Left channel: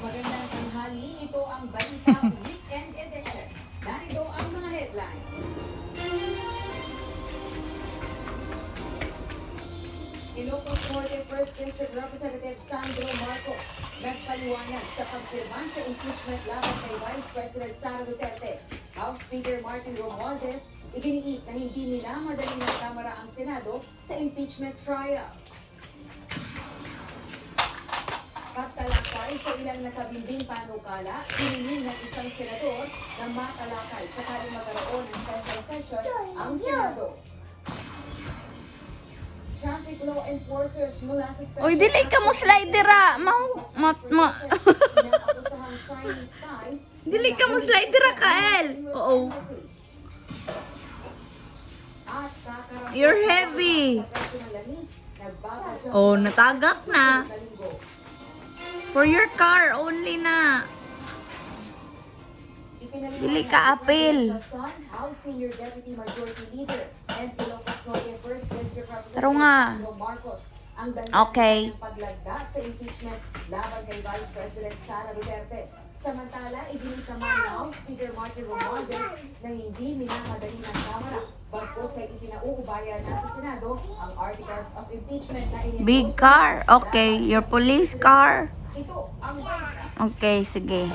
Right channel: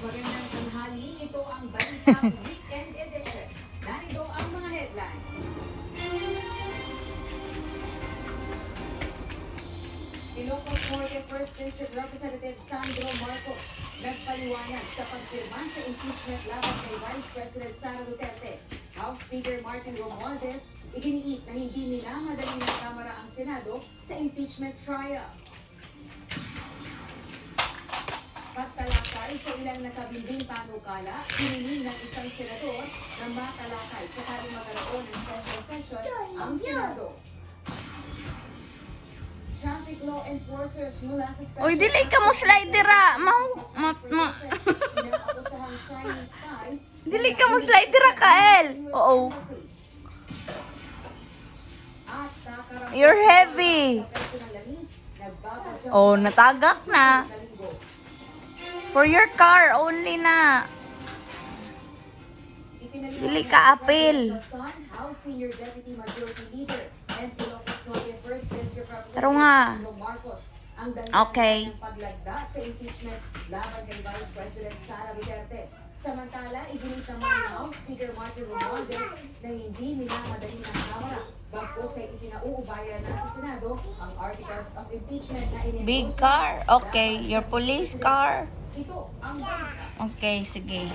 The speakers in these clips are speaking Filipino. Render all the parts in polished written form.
Magandang tanghali, ito ang Balita Weekend Edition. Narito ang mga headlines. Ilocos Norte 1st District Representative Sandro Marcos nagpaliwanag sa pagpirma sa impeachment laban kay Vice President Sara Duterte. House Speaker Martin Romualdez iginiit na hindi minamadali ng Kamara ang Senado sa impeachment trial. Pagtalakay sa ilang nakabimbing panukala, hiniling ng isang senador na matalakay sakaling magkaroon ng special session ang Senado. Traffic law enforcers mula sa special... Uy, dili ka mo slider ah. Inakusahang Chinese spies. Dili ka mo slider ah, Kael. Oo. You're heavy. Oh, natagak na. For your car only na. Dili ka apil. Taro nga. Okay. Paglagda sa impeachment laban kay Vice President Sara Duterte. Samantala, iginit naman ni House Speaker Martin Romualdez na hindi minamadali ng Kamara bagkus ay ipinauubaya na sa Senado ang Articles of Impeachment na inendorso. Big car. Okay. Your police car. Ito ang balita. Okay, sige.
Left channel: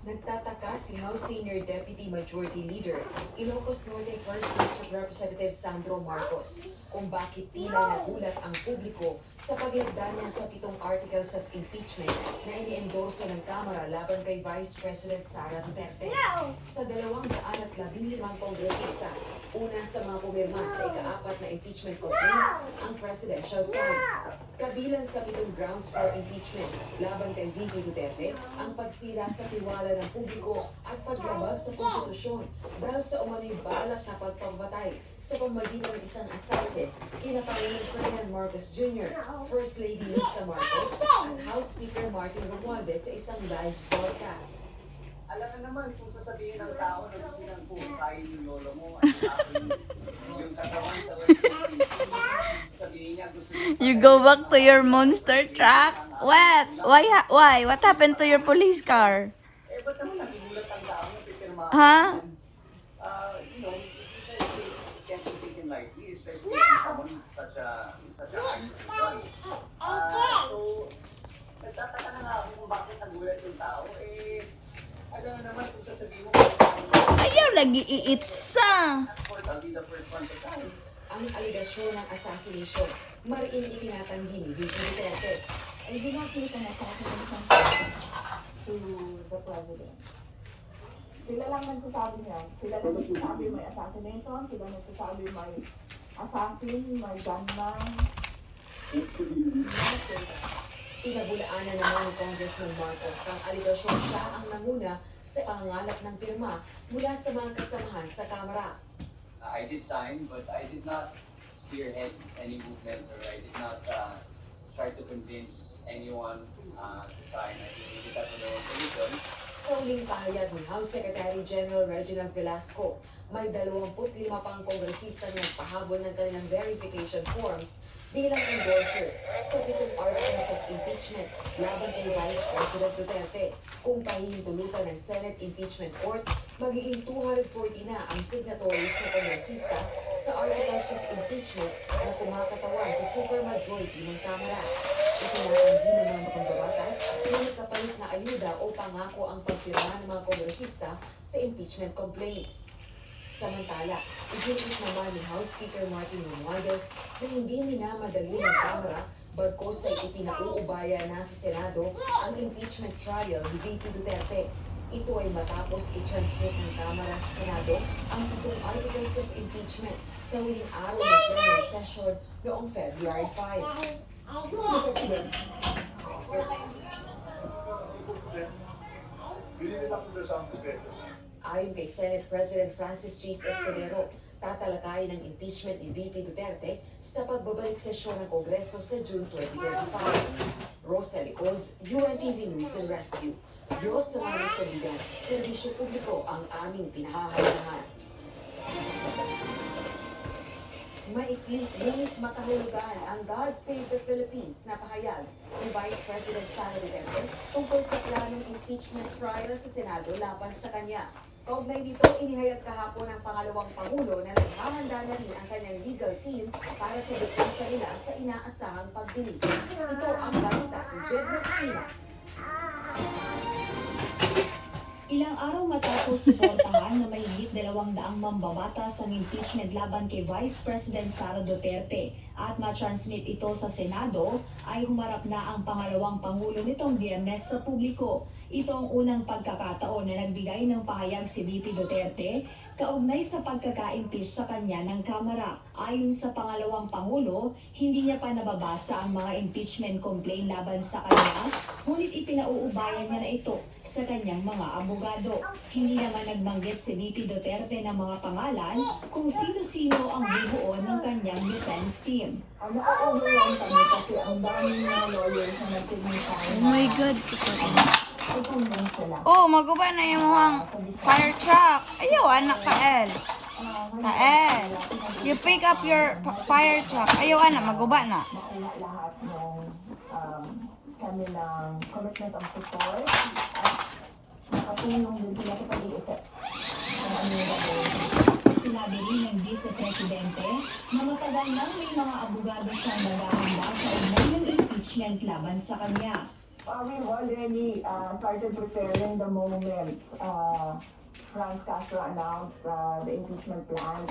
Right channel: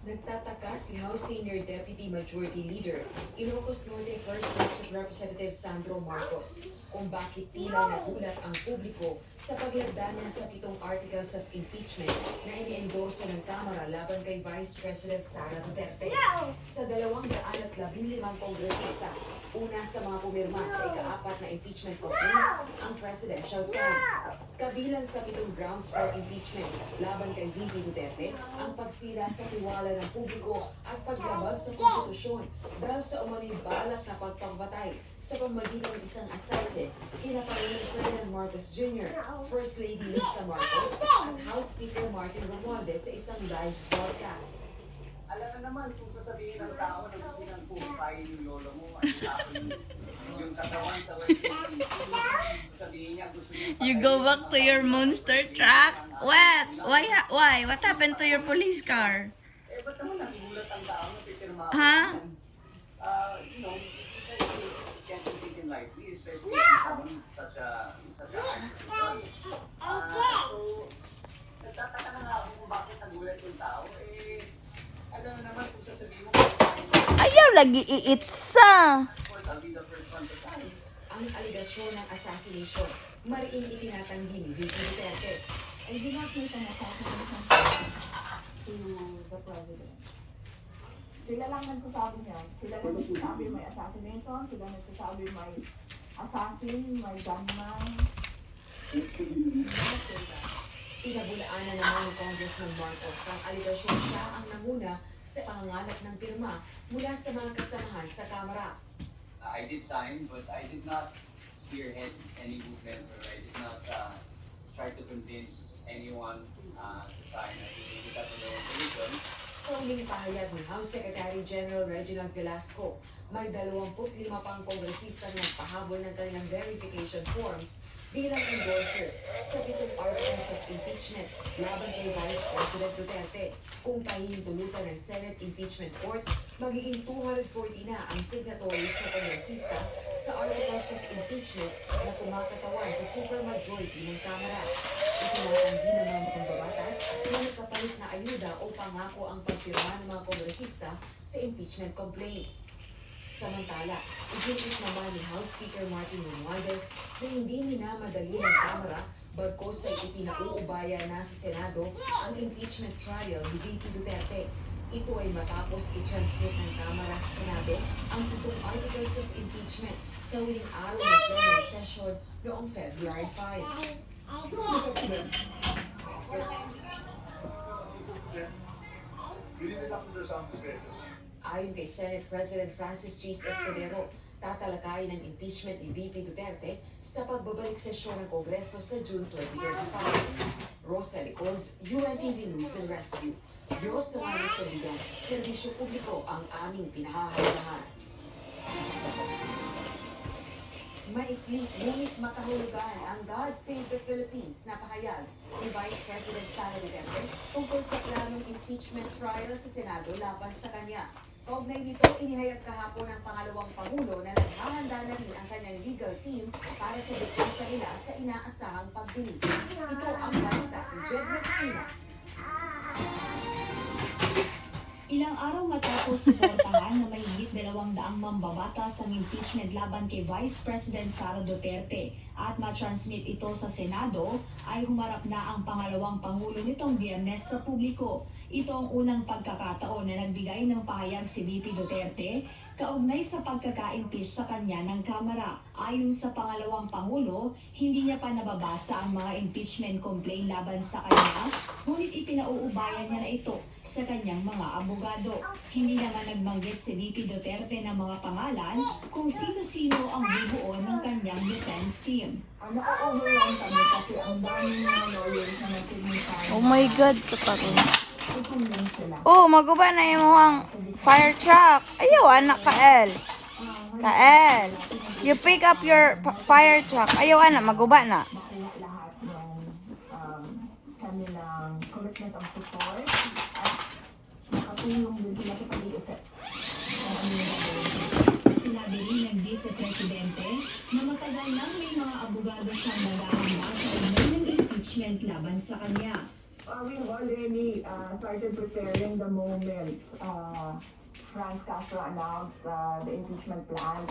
Nagtataka si House Senior Deputy Majority Leader, Ilocos Norte 1st District Representative Sandro Marcos, kung bakit tila nagulat ang publiko sa paglagda niya sa 7 Articles of Impeachment na iniendorso ng Kamara laban kay Vice President Sara Duterte. Sa 215 kongresista, una sa mga pumirma sa ika-4 na impeachment complaint, ang presidential side. Kabilang sa 7 grounds for impeachment laban kay VP Duterte, ang pagsira sa tiwala ng publiko at paglabag sa konstitusyon dahil sa umano'y balak na pagpagbatay sa pamamagitan ng isang asase kina Pangulong Ferdinand Marcos Jr., First Lady Lisa Marcos, at House Speaker Martin Romualdez sa isang live broadcast. Alam na naman kung sasabihin ng tao na gusto nang pukain yung lolo mo at yung katawan sa West Philippines, sasabihin niya gusto niya You go back to your monster truck. What? Why? What happened to your police car? eh ba't naman nagugulat ang tao na pipirma Ha? you know, it can't be taken lightly, especially if someone such a high position. So nagtataka na nga ako kung bakit nagulat yung tao. Alam na naman kung sasabihin mo Ayaw lagi iitsa. I'll be the first one to try. Ang aligasyon ng assassination, mariing itinatanggi ni VP Duterte. Ay ginakita na sa assassination to the President. Sila lang nagsasabi niya. Sila nagsasabi may assassination, sila nagsasabi may assassin, may gunman. Pinabulaan na naman ng Congressman Marcos ang aligasyon siya ang nanguna sa pangangalap ng pirma mula sa mga kasamahan sa Kamara. I did sign, but I did not spearhead any movement, or I did not try to convince anyone to sign. I did that on their own volition. Sa uling pahayag ng House Secretary General Reginald Velasco, may 25 pang kongresista na nagpahabol ng kanilang verification forms bilang endorsers sa 7 Articles of Impeachment laban kay Vice President Duterte. Kung pahihintulutan ng Senate Impeachment Court, magiging 240 na ang signatories na kongresista sa Articles of Impeachment na kumakatawan sa supermajority ng Kamara. Itinatanggi ng mga mambabatas na nagkapalit na ayuda o pangako ang pagpirma ng mga kongresista sa impeachment complaint. Samantala, iginit naman ni House Speaker Martin Romualdez na hindi minamadali ng Kamara bagkus ay ipinauubaya na sa Senado ang impeachment trial ni VP Duterte. Ito ay matapos i-transmit ng Kamara sa Senado ang 7 Articles of Impeachment sa huling araw ng plenary session noong February 5. Ayon kay Senate President Francis Chis Escudero, tatalakayin ang impeachment ni VP Duterte sa pagbabalik sesyon ng Kongreso sa June 2025. Rosa Licoz, UNTV News and Rescue. Diyos sa mga saligan, serbisyo publiko ang aming pinahahalagahan. Maikli, ngunit makahulugan ang God Save the Philippines na pahayag ni Vice President Sara Duterte tungkol sa planong impeachment trial sa Senado laban sa kanya. Kaugnay dito, inihayag kahapon ng pangalawang Pangulo na naghahanda na rin ang kanyang legal team para sa depensa nila sa inaasahang pagdinig. Ito ang balita ni Jednet Sina. Ilang araw matapos suportahan na mahigit 200 mambabatas ang impeachment laban kay Vice President Sara Duterte at matransmit ito sa Senado, ay humarap na ang pangalawang Pangulo nitong Biyernes sa publiko. Ito ang unang pagkakataon na nagbigay ng pahayag si VP Duterte kaugnay sa pagkaka-impeach sa kanya ng Kamara. Ayon sa pangalawang Pangulo, hindi niya pa nababasa ang mga impeachment complaint laban sa kanya, ngunit ipinauubayan niya na ito sa kanyang mga abogado. Hindi naman nagbanggit si VP Duterte ng mga pangalan kung sino-sino ang bubuo ng kanyang defense team. Na-overwhelm kami kasi ang daming mga lawyers na nagpumintay. Oh my God, ito pa rin. I-convince sila. Oh, maguba na yung mga fire truck. Ayaw, anak Kael. Kael, you pick up your fire truck. Ayaw, anak, maguba na. Makuha lahat ng kanilang commitment of support at nakatulong din sila sa pag-iisip ng ano. Sinabi rin ng Vice Presidente na matagal nang may mga abogado siyang naghahanda sa ugnay ng impeachment laban sa kanya. We've already started preparing the moment Franz Castro announced the impeachment plan.